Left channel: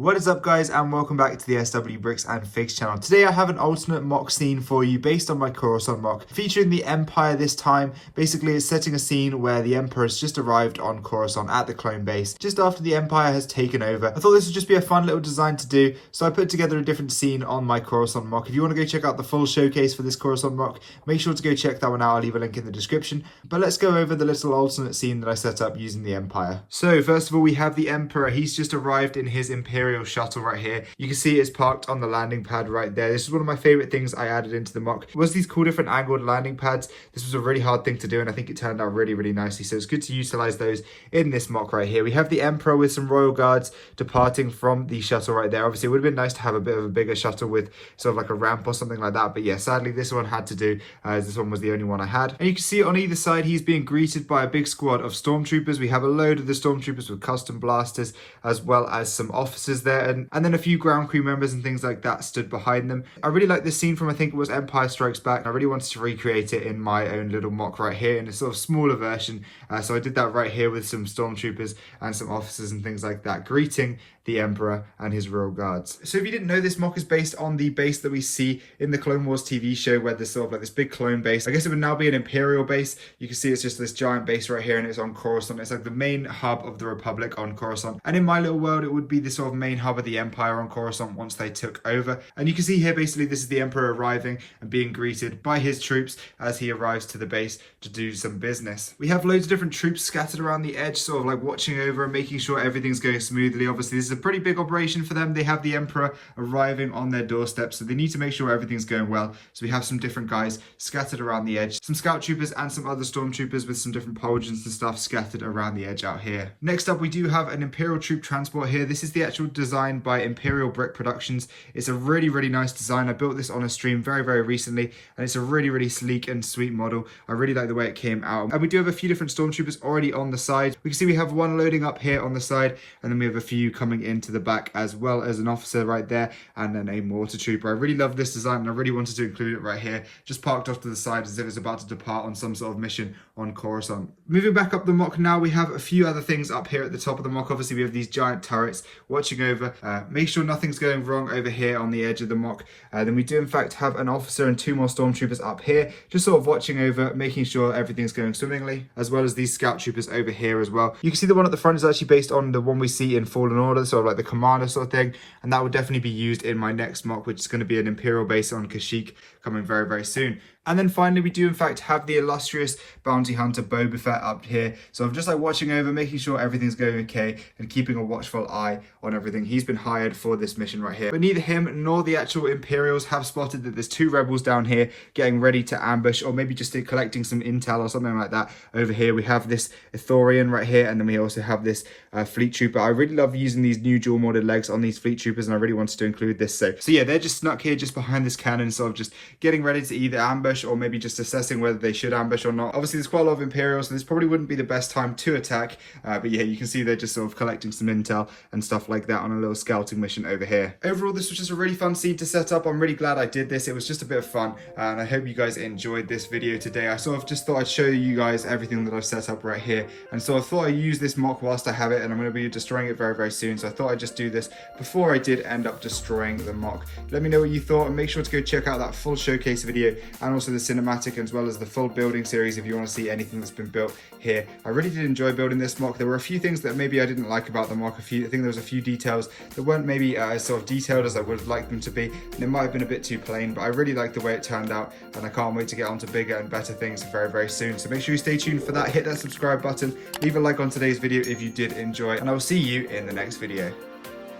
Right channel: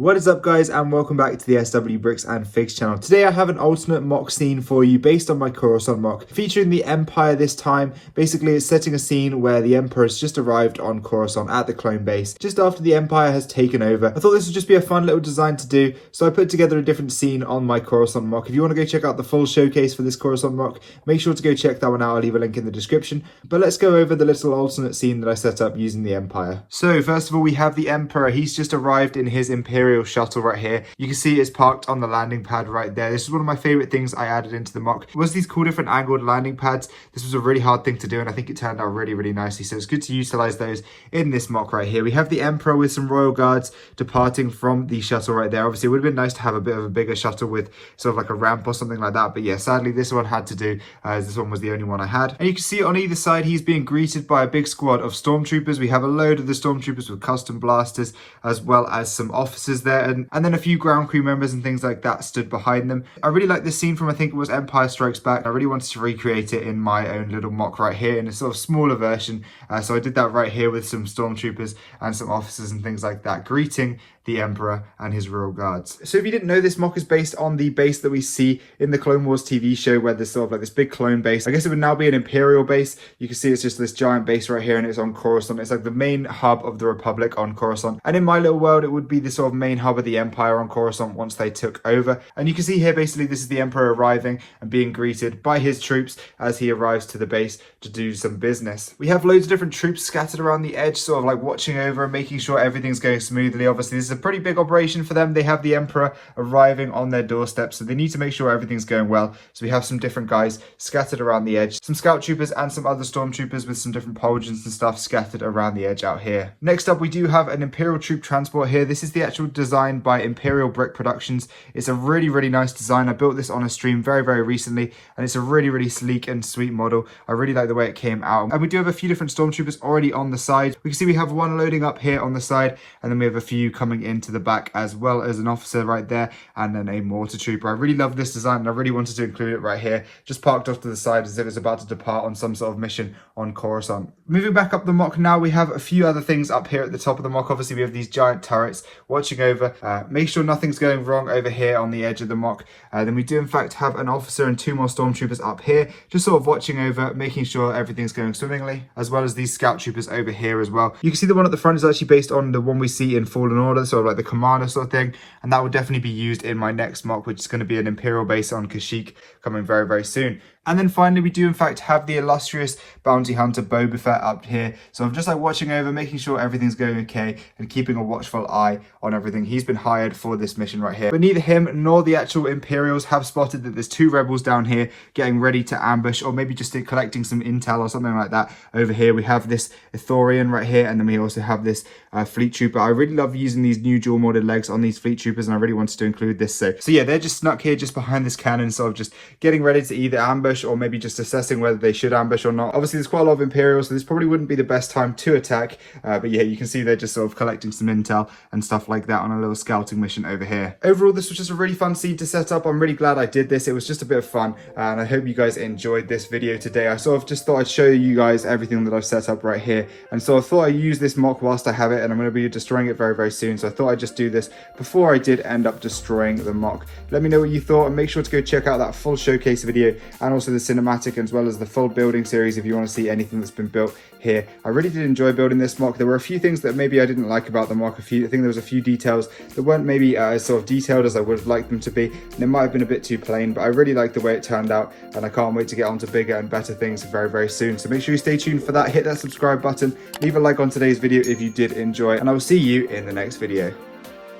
What is up, guys, and welcome back to the SW Bricks and Figs channel. Today I have an alternate mock scene for you based on my Coruscant mock, featuring the Empire this time. Basically, it's setting a scene where the Emperor has just arrived on Coruscant at the clone base, just after the Empire has taken over. I thought this would just be a fun little design to do, so I put together a different scene on my Coruscant mock. If you want to go check out the full showcase for this Coruscant mock, make sure to go check that one out. I'll leave a link in the description. But let's go over the little alternate scene that I set up using the Empire. So first of all, we have the Emperor. He's just arrived in his Imperial shuttle right here. You can see it's parked on the landing pad right there. This is one of my favorite things I added into the mock, was these cool different angled landing pads. This was a really hard thing to do, and I think it turned out really nicely, so it's good to utilize those in this mock right here. We have the Emperor with some royal guards departing from the shuttle right there. Obviously it would have been nice to have a bit of a bigger shuttle with sort of like a ramp or something like that, but yeah, sadly this one had to do, as this one was the only one I had. And you can see on either side he's being greeted by a big squad of stormtroopers. We have a load of the stormtroopers with custom blasters, as well as some officers there, and then a few ground crew members and things like that stood behind them. I really like this scene from, I think it was Empire Strikes Back. I really wanted to recreate it in my own little mock right here in a sort of smaller version. So I did that right here with some stormtroopers and some officers and things like that, greeting the Emperor and his royal guards. So if you didn't know, this mock is based on the base that we see in the Clone Wars TV show, where there's sort of like this big clone base. I guess it would now be an Imperial base. You can see it's just this giant base right here, and it's on Coruscant. It's like the main hub of the Republic on Coruscant. And in my little world, it would be the sort of main hub of the Empire on Coruscant once they took over. And you can see here, basically, this is the Emperor arriving and being greeted by his troops as he arrives to the base to do some business. We have loads of different troops scattered around the edge, sort of like watching over and making sure everything's going smoothly. Obviously, this is a pretty big operation for them. They have the Emperor arriving on their doorstep, so they need to make sure everything's going well. So we have some different guys scattered around the edge, some scout troopers and some other stormtroopers with some different pauldrons and stuff scattered around the edge out here. Next up, we do have an Imperial troop transport here. This is the actual design by Imperial Brick Productions. It's a really nice design. I built this on a stream very recently, and it's a really sleek and sweet model. I really like the way it came out. And we do have a few different stormtroopers already on the side. We can see we have one loading up here on the side, and then we have a few coming into the back, as well as an officer right there, and then a mortar trooper. I really love this design, and I really wanted to include it right here, just parked off to the side as if it's about to depart on some sort of mission on Coruscant. Moving back up the mock now, we have a few other things up here at the top of the mock. Obviously we have these giant turrets watching over. Make sure nothing's going wrong over here on the edge of the mock. Then we do in fact have an officer and two more stormtroopers up here, just sort of watching over, making sure everything's going swimmingly, as well as these scout troopers over here as well. You can see the one at the front is actually based on the one we see in Fallen Order, sort of like the commander sort of thing, and that will definitely be used in my next mock, which is going to be an Imperial base on Kashyyyk, coming very soon. And then finally, we do in fact have the illustrious bounty hunter Boba Fett up here. So I'm just like watching over, making sure everything's going okay, and keeping a watchful eye on everything. He's been hired for this mission right here. But neither him nor the actual Imperials have spotted that there's two rebels down here getting ready to ambush, or maybe just collecting some intel or something like that. Over here, we have this Ithorian right here, and then we also have this fleet trooper. I really love using these new dual molded legs on these fleet troopers, and I really wanted to include this. So yeah, they're just snuck here just behind this cannon, sort of just getting ready to either ambush or maybe just assessing whether they should ambush or not. Obviously there's quite a lot of Imperials, so this probably wouldn't be the best time to attack, but yeah, you can see they're just sort of collecting some intel and stuff like that on a little scouting mission over here. Overall, this was just a really fun scene to set up. I'm really glad I did this. It was just a bit of fun, and I hope you guys enjoyed this video today. I sort of just thought I'd show you guys everything that I've set up right here, and so I thought I'd use this mock whilst I have it, and I'm going to be destroying it very soon, so I thought I'd just do this before I did end up destroying the mock. Let me know what you thought, and make sure to go check out that full showcase video, and also the cinematic, as well as the full building series if you want to see anything that's been built here. I really did enjoy building this mock. There were a few things that maybe I didn't like about the mock. I think there was a few details that weren't maybe as sort of detailed as I would have liked them to be, and it might have been a bit too plain, but I really like the way it turned out, and I can't wait to get on to bigger and better things very soon. So make sure you stay tuned for that. Hit that subscribe button, leave a like on today's video if you did enjoy, and I will see you in the next video.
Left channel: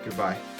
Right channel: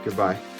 Goodbye.